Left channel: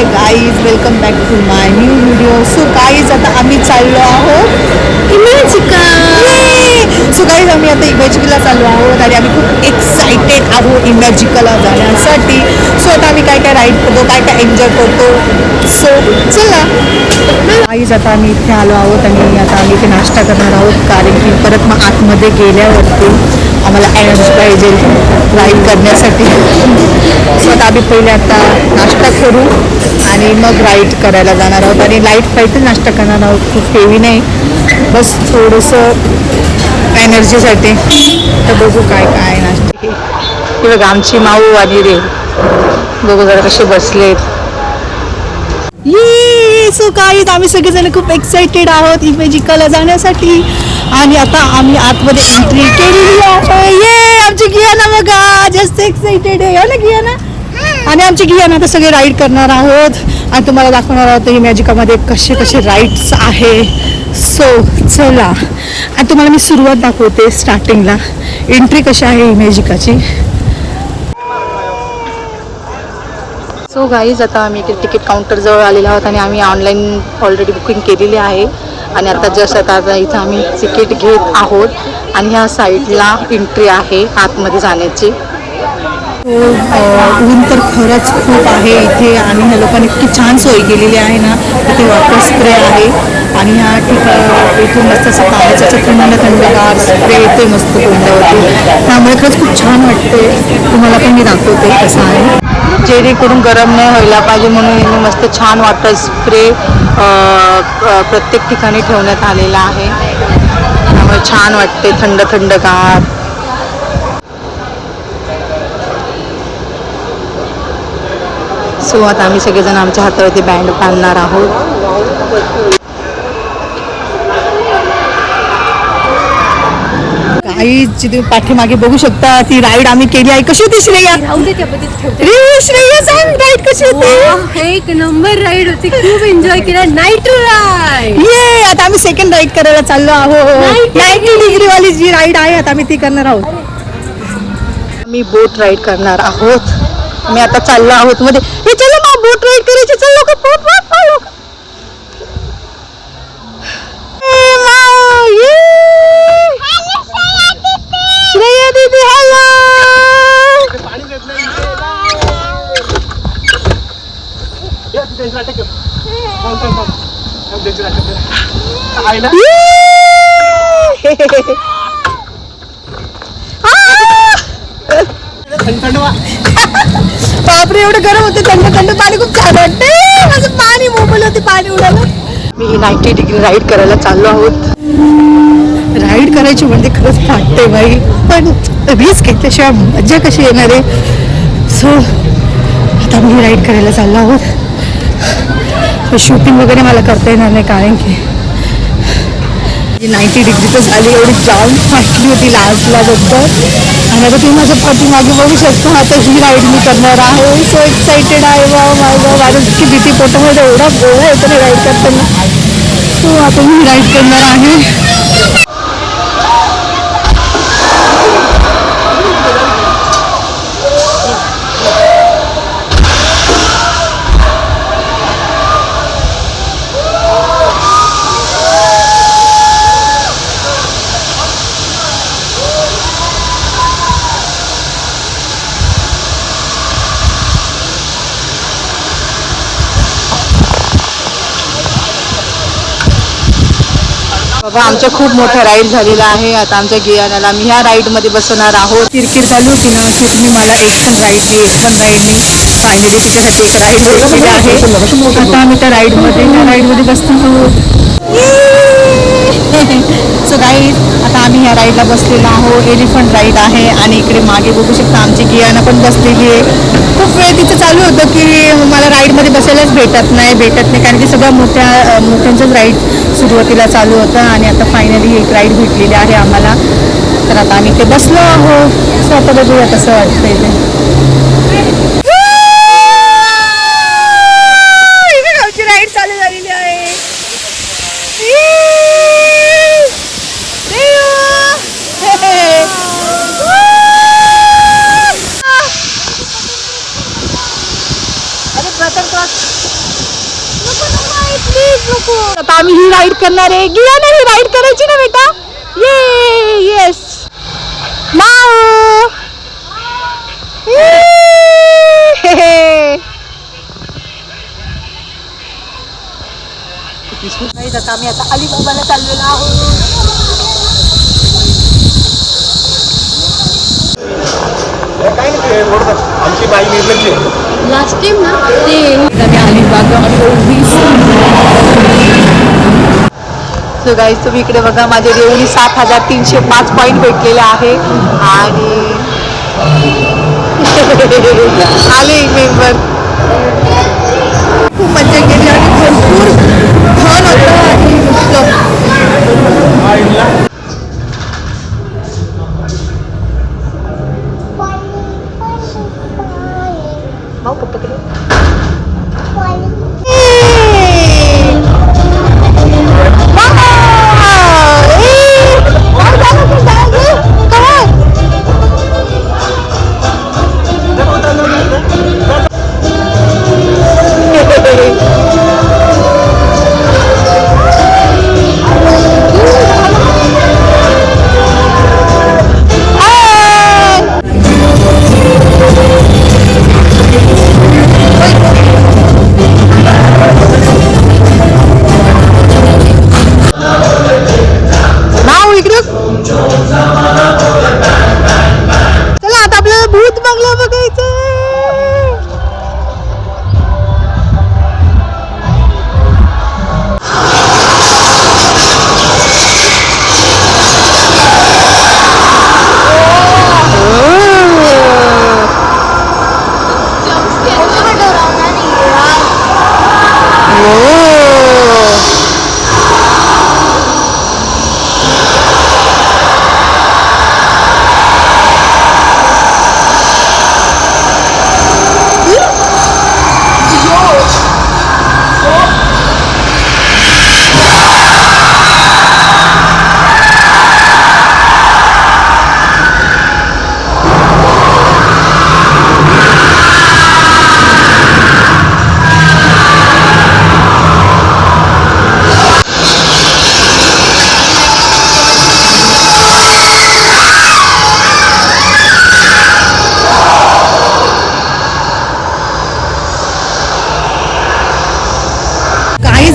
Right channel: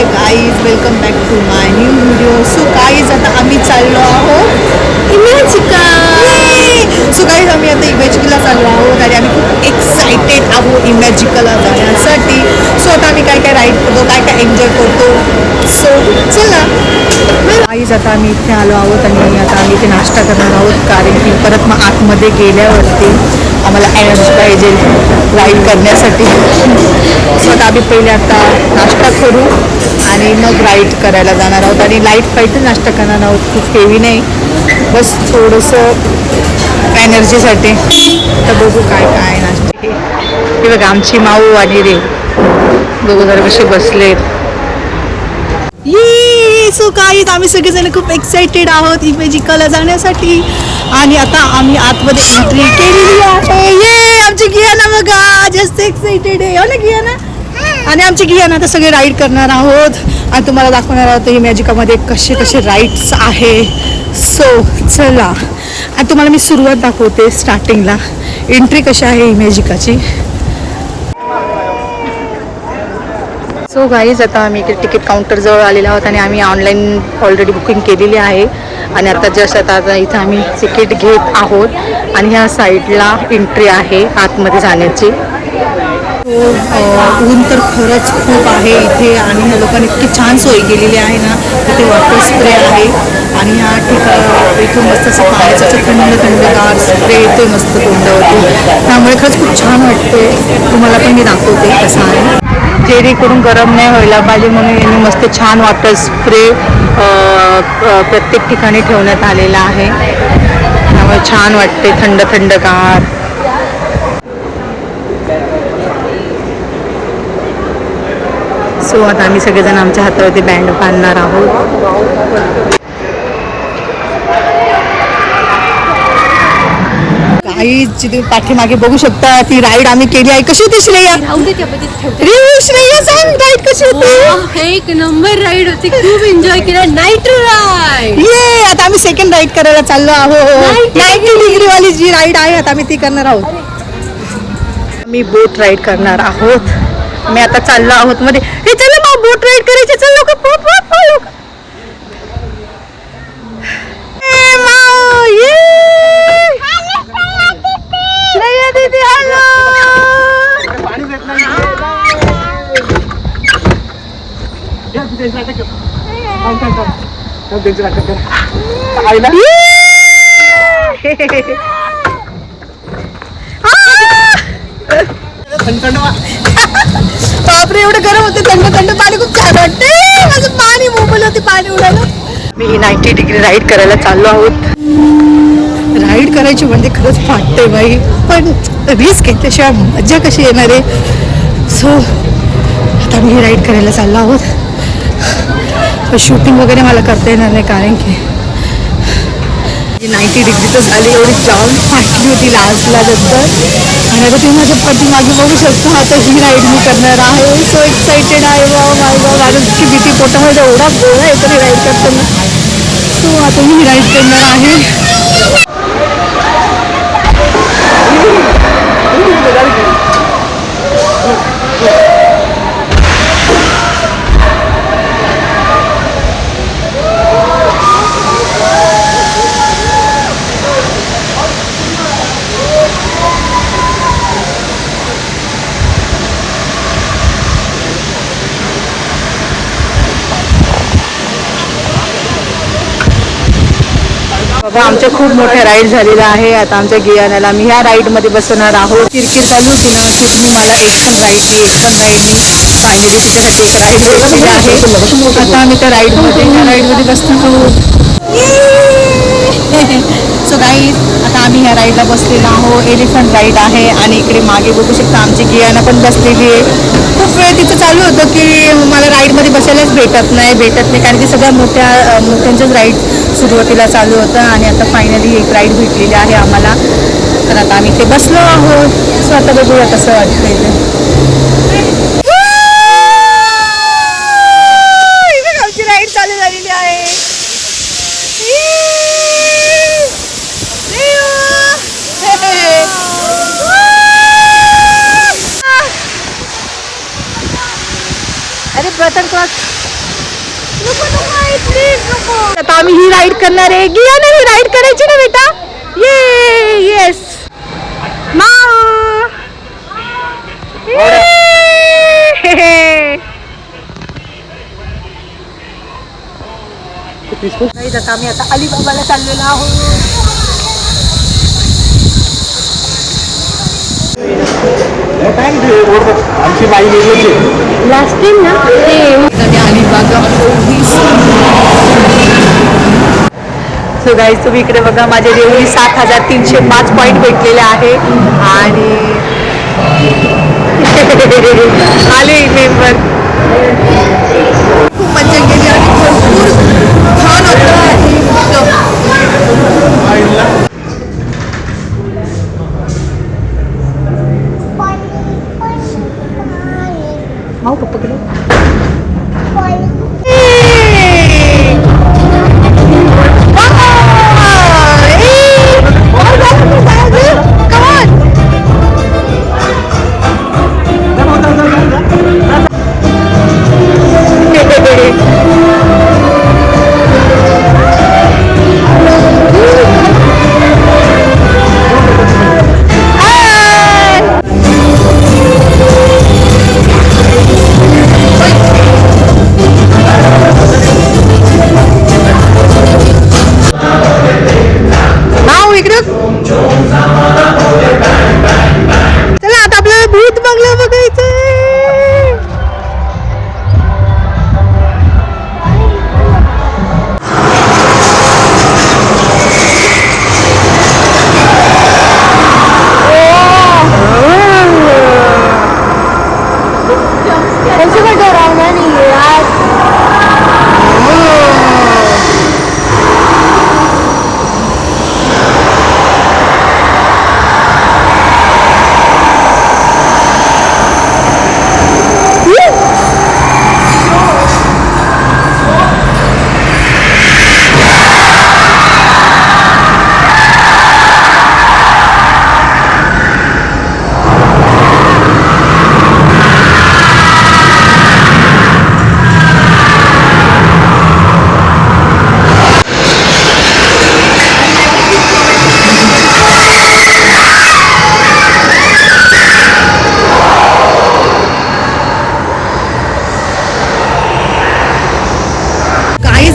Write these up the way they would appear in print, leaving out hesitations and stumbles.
High guys, welcome back to my new video. So guys आता आम्ही चाललो आहोत इमॅजिका. सो गाईज आम्ही आता इमॅजिकाला चाललो आहोत आणि आम्ही खूप एक्सायटेड आहोत इमॅजिकाला जाण्यासाठी. सो आता आम्ही काय काय राईड करतो, काय काय एन्जॉय करतो. सो चला गाईज, आता आम्ही इथे आलो आहोत आणि आता आम्ही इथे नाश्ता करणार आहोत, कारण की परत मग आतमध्ये गेल्यावरती आम्हाला एनर्जी पाहिजे राईड करण्यासाठी. सो आता आम्ही पहिले आता नाश्ता करू आणि मग राईड करायला जाणार आहोत. आणि लाईट पाहिजे नाश्ता करणार आहोत, खूप हेवी नाही, बस थोडंसं एनर्जीसाठी. तर बघू काय काय नाश्ते. हे बघा आमची माऊ आणि रे बघू जरा कसे बसलेत. सो काही आम्ही सगळेजण खूप एक्साइटेड आहोत इमॅजिकाला जाण्यासाठी. आणि आता आम्ही आतमध्ये एंट्री केलेली आहे. आमची गियाना बघा जास्त एक्साइटेड आहे, हो ना गियाना? आणि आमची गियाना आता सगळे राईड करणार आहोत आणि तुम्हाला दाखवणार आहोत इमॅजिकामध्ये कसे कसे राईड्स आहे. सो चला आणि तुम्हाला मी सुरुवात दाखवते. स्टार्टिंगला एंट्री कशी आहे इमॅजिकाची. सो गाईज, आता आम्ही इथे तिकीट काउंटरजवळ आलेलो आहोत आणि आम्ही ऑनलाईन ऑलरेडी बुकिंग केलेली आहे. आणि आता जस्ट आता इथे आम्ही तिकीट घेत आहोत आणि ह्या साईडला एंट्री आहे आतमध्ये जाण्याची. ऊन तर खरंच खूप आहे इथे आणि ह्या लोकांनी इतकी छान सोय केलेली आहे ना. इथे वॉटर स्प्रे आहे आणि ह्या ठिकाणी इथून मस्त असं पाण्याचं थंड थंडगार स्प्रे येते मस्त तोंडावरती. त्यामुळे खरंच खूप छान वाटतं. तुम्हाला पण मी दाखवते कसं आहे. जेणेकरून गरम नाही व्हायला पाहिजे म्हणून यांनी मस्त छान वॉटर स्प्रे प्रत्येक ठिकाणी ठेवण्यात आलेला आहे. त्यामुळे छान वाटते थंड थंडगार. सो आता आम्ही सगळेजण आमच्या हातावरती बँड बांधणार आहोत. काही तुम्ही पाठीमागे बघू शकता ती राईड आम्ही केली आहे. कशी होती श्रेया? श्रेया सांग राईड कशी होती? एक नंबर राईड होती, खूप एन्जॉय केला. Night ride. ये आता आम्ही सेकंड राईड करायला चाललो आहोत. 90 डिग्री वाली जी राईड आहे आता आम्ही ती करणार आहोत. आम्ही बोट राईड करणार आहोत. आम्ही आता चाललो आहोत मध्ये. हे चला मग बोट राईड करायची. चल लोक बोट बोट. श्रेया दीदी हॅलो. बापरे एवढं गरम होतं. थंड थंड पाणी खूप छान वाटते. माझं पाणी मोबाईल होती पाणी उडालं. मी 90 डिग्री राईड करायला चाललो आहोत. राईड करायची म्हणजे खरंच फाटते बाई, पण रिस्क घेतल्याशिवाय मजा कशी येणार आहे. सो आता मी राईड करायला चाललो आहोत. शूटिंग वगैरे मला करता येणार नाही कारण की 90 डिग्री तर झाली. एवढी जाम फाटली होती लास्टला नंतर. आणि आता तुम्ही माझ्या पाठीमागे बघू शकता. आता ही राईड मी करणार आहे. सो एक्साइटेड आहे. वा माय गॉड, माझी भीती पोटामध्ये एवढा गोळा येतो नाही राईड करताना. सो आता मी राईड करणार आहे. बाबा आमच्या खूप मोठ्या राईड झालेल्या आहे. आता आमच्या गियानाला मी ह्या राईडमध्ये बसवणार आहोत. किरकिर चालू होती ना शेवटी मला एक पण राईड फायनली तिच्यासाठी एक राईड भेटलेली आहे. आता आम्ही त्या राईडमध्ये बसणार आहोत. सो गाईज, आता आम्ही ह्या राईडला बसलेलो आहोत. एलिफंट राईड आहे आणि इकडे मागे बघू शकता आमची गियाना पण बसलेली आहे. खूप वेळ तिचं चालू होतं की मला राईडमध्ये बसायलाच भेटत नाही कारण की सगळ्या मोठ्यांचंच राईड सुरुवातीला चालू होतं. आणि आता फायनली एक राईड भेटलेली आहे आम्हाला. तर आता आम्ही ते बसलो आहोत. सो आता बघूया कसं वाटतंय ते. आमची राईड चालू झालेली आहे. अरे बटन क्रॉस आता आम्ही ही राईड करणार आहे. गिया नाही राईड करायची ना बेटा. ये येस माऊ. आम्ही आता अलिबाबाला चाललेलो आहोत. आमची बाई लास्ट टाइम ना ते अलिबाग. सो गाईज तुम्ही इकडे बघा माझे देऊळी 7305 पॉईंट भेटलेले आहे आणि आले मेंबर. खूप मजा केली आणि भरपूर छान होतं आणि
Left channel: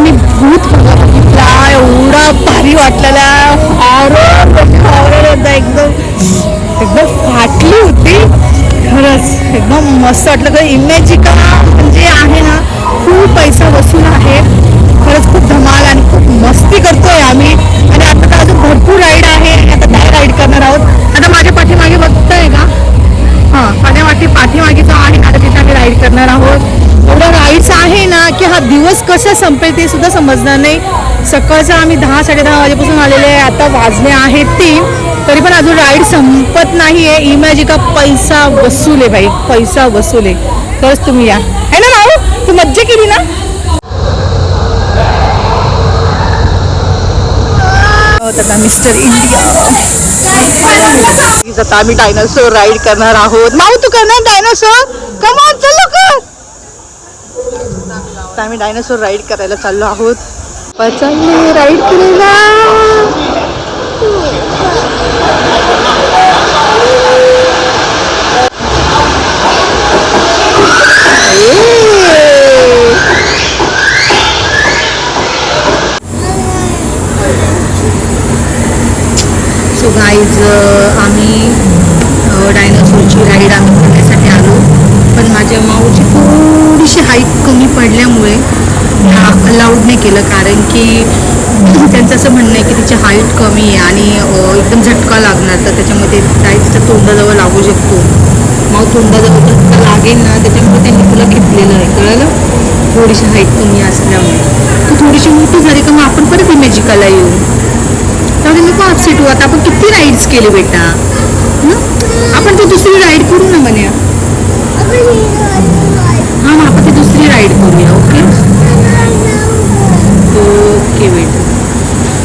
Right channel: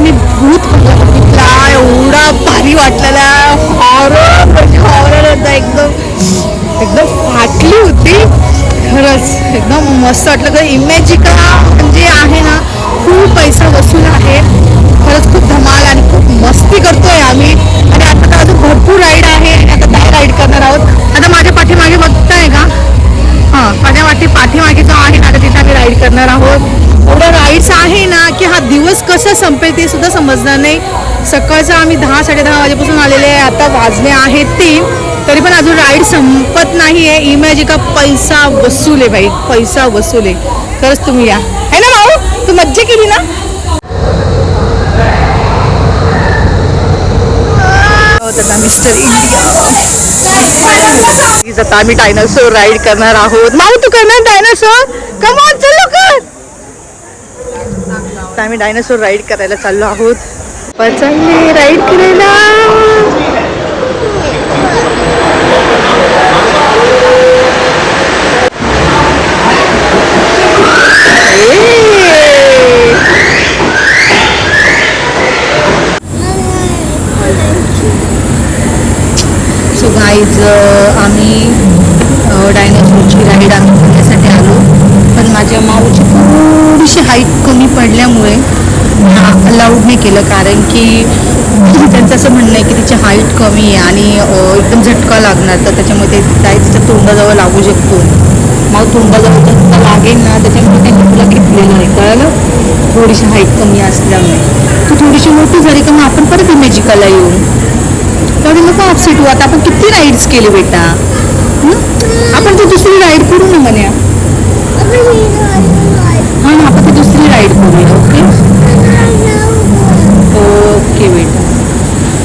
मी भूत बंगला बघितला. एवढा भारी वाटलेला. हॉरर होता. एकदम एकदम फाटली होती खरंच. एकदम मस्त वाटलं. खरं इमॅजिका म्हणजे आहे ना खूप पैसा वसूल आहे खरंच. खूप धमाल आणि खूप मस्ती करतोय आम्ही. आणि आता तर अजून भरपूर राईड आहे आणि आता काय राईड करणार आहोत. आता माझ्या पाठीमागे बघताय का? हां माझ्या पाठीमागे जो आहे आता तिथे आम्ही राईड करणार आहोत. एवढं राईड्स आहे ना की हा दिवस कसं संपेल ते सुद्धा समजणार नाही. सकाळचं आम्ही 10-10:30 वाजेपासून आलेले आहे. आता वाजले आहेत 3 तरी पण अजून राईड संपत नाही आहे. इमॅजिका पैसा वसूल आहे भाई. पैसा वसूल आहे खरंच. तुम्ही या है ना भाऊ. तू मज्जा केली ना. आता मिस्टर इंडिया आता आम्ही डायनासोर राईड करणार आहोत. माऊ तू करणार डायनासोर. कम ऑन चल लवकर. आता आम्ही डायनासोर राईड करायला चाललो आहोत. चालले राईड करायला. सो गाईज आम्ही डायनासोरची राईड आम्ही करण्यासाठी आलो. पण माझ्या माऊची थोडीशी हाईट कमी पडल्यामुळे अलाउड नाही केलं. कारण की त्यांचं असं म्हणणं आहे की तिची हाईट कमी आहे आणि एकदम झटका लागणार. तर त्याच्यामध्ये काही तिच्या तोंडाजवळ लागू शकतो. माऊ तोंडाजवळ झटका लागेल ना त्याच्यामुळे त्यांनी तुला घेतलेलं आहे कळलं. थोडीशी हाईट कमी असल्यामुळे. तू थोडीशी मोठी झाली का मग आपण परत इमॅजिकाला येऊ. त्यामुळे नको अपसेट हो. आता आपण किती राईड्स केले बेटा. आपण ती दुसरी राईड करू ना म्हण्या. हां ना आपण ती दुसरी राईड करूया. ओके ओके बेटा.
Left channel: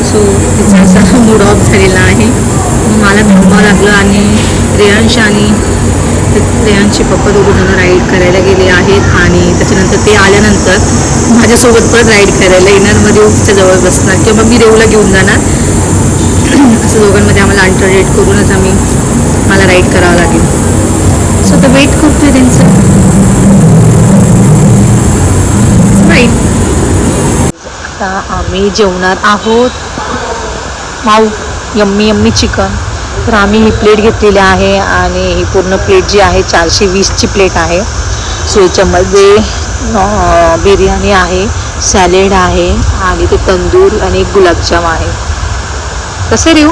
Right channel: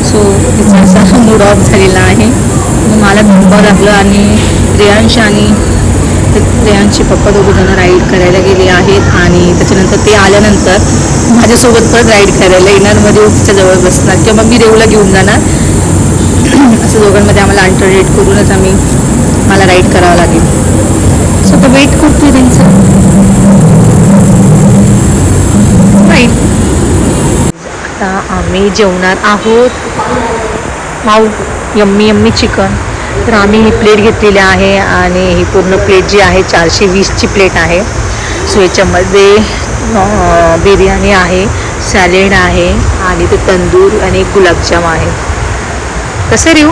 सो तिचा असा मूड ऑफ झालेला आहे. मग मला थांबावं लागलं आणि रेयांश आणि तर श्रेयांशी पप्पा दोघं जण राईड करायला गेले आहेत आणि त्याच्यानंतर ते आल्यानंतर माझ्यासोबत परत राईड करायला येणार, मध्ये तिच्या जवळ बसणार किंवा मी रेवूला घेऊन जाणार. असं दोघांमध्ये आम्हाला अल्टरनेट करूनच मला राईड करावं लागेल. सो तर वेट करतोय त्यांचं राईड. आता आम्ही जेवणार आहोत. माऊ यम्मी यम्मी चिकन. तर आम्ही ही प्लेट घेतलेली आहे आणि ही पूर्ण प्लेट जी आहे 420ची प्लेट आहे. सो याच्यामध्ये बिर्याणी आहे, सॅलेड आहे आणि ते तंदूर आणि एक गुलाबजाम आहे. कसं रेव?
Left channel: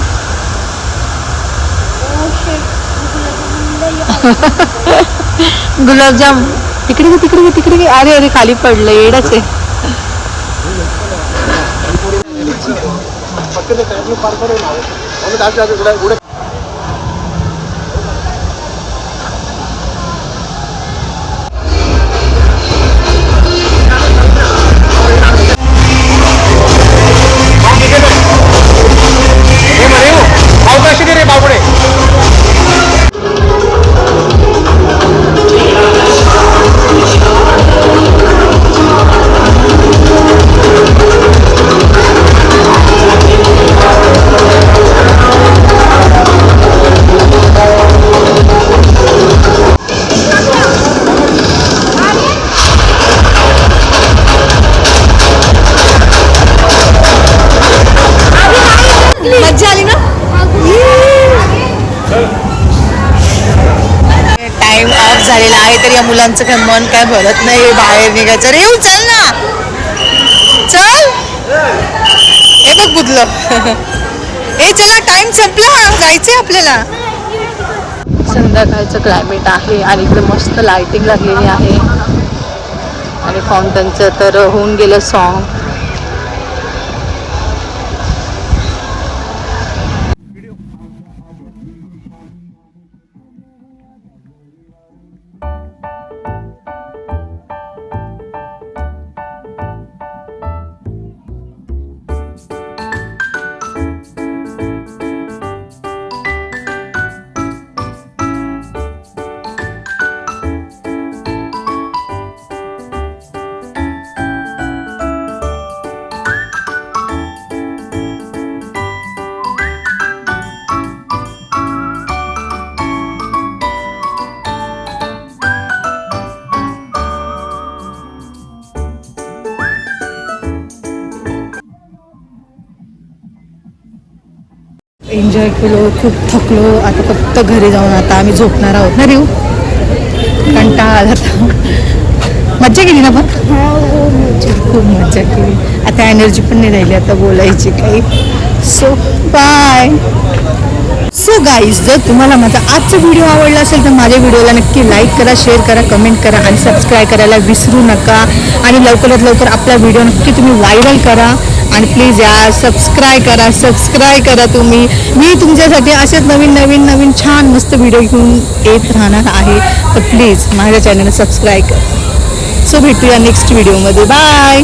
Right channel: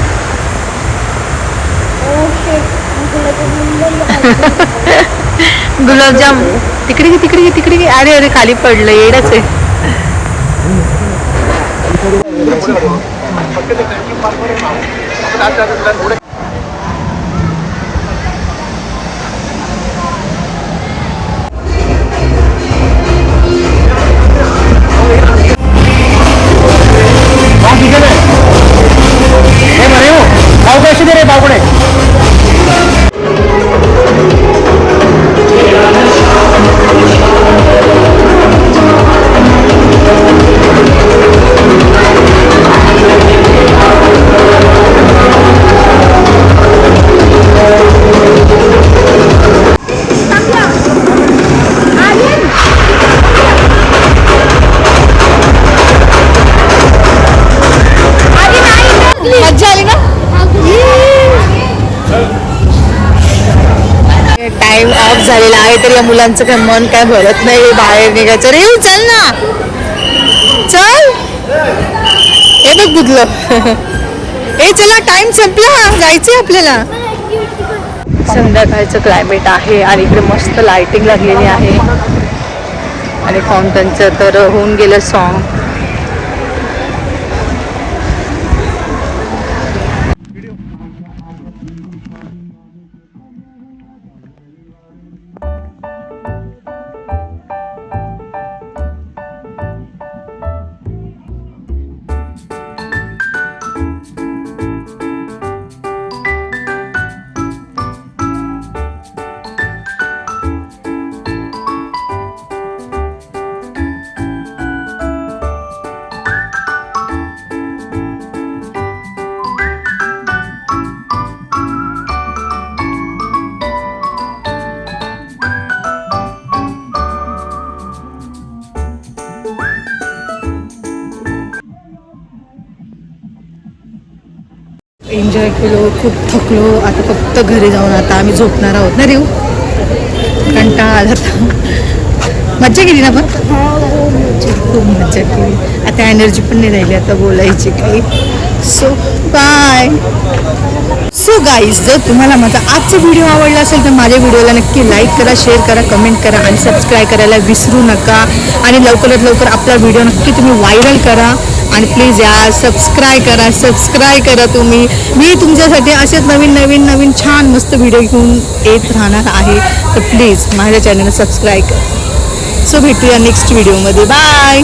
गुलाबजाम तिकडे घे तिकडे घे तिकडे घे. अरे अरे खाली पडलं, येडच आहे. मज्जा आली ना? टाइम ऑफ झालेला आहे तर या मुलांचं काय मन काय भरत नाही बाहेर निघायचं. रे चल ना, चल. हे बघ बुडलं. ए चला, टाइम संपला, जायचंय आपल्याला. संध्याकाळचं क्लायमेट आहे आणि इकडे मस्त लाइटिंग लागलेली आहे आणि फाउंटनचं तर होऊन गेलं सॉन्ग. एन्जॉय केलो, खूप थकलो. आता फक्त घरी जाऊन आता आम्ही झोपणार आहोत ना रेव. कंटाळा आला तर. मज्जा केली ना पण? खूप मज्जा केली. आता एनर्जी पण नाही राहिली आता बोलायची काही. So bye. सो गाईज, जर तुम्हाला माझा आजचा व्हिडिओ आवडला असेल तर माझ्या व्हिडिओला नक्की लाईक करा, शेअर करा, कमेंट करा आणि सबस्क्राईब करायला विसरू नका. आणि लवकरात लवकर आपला व्हिडिओ नक्की तुम्ही व्हायरल करा आणि प्लीज यार सबस्क्राईब करा तुम्ही. मी तुमच्यासाठी असेच नवीन छान मस्त व्हिडिओ घेऊन येत राहणार आहे. तर प्लीज माझ्या चॅनलला सबस्क्राईब करा. सो भेटूया नेक्स्ट व्हिडिओमध्ये. बाय.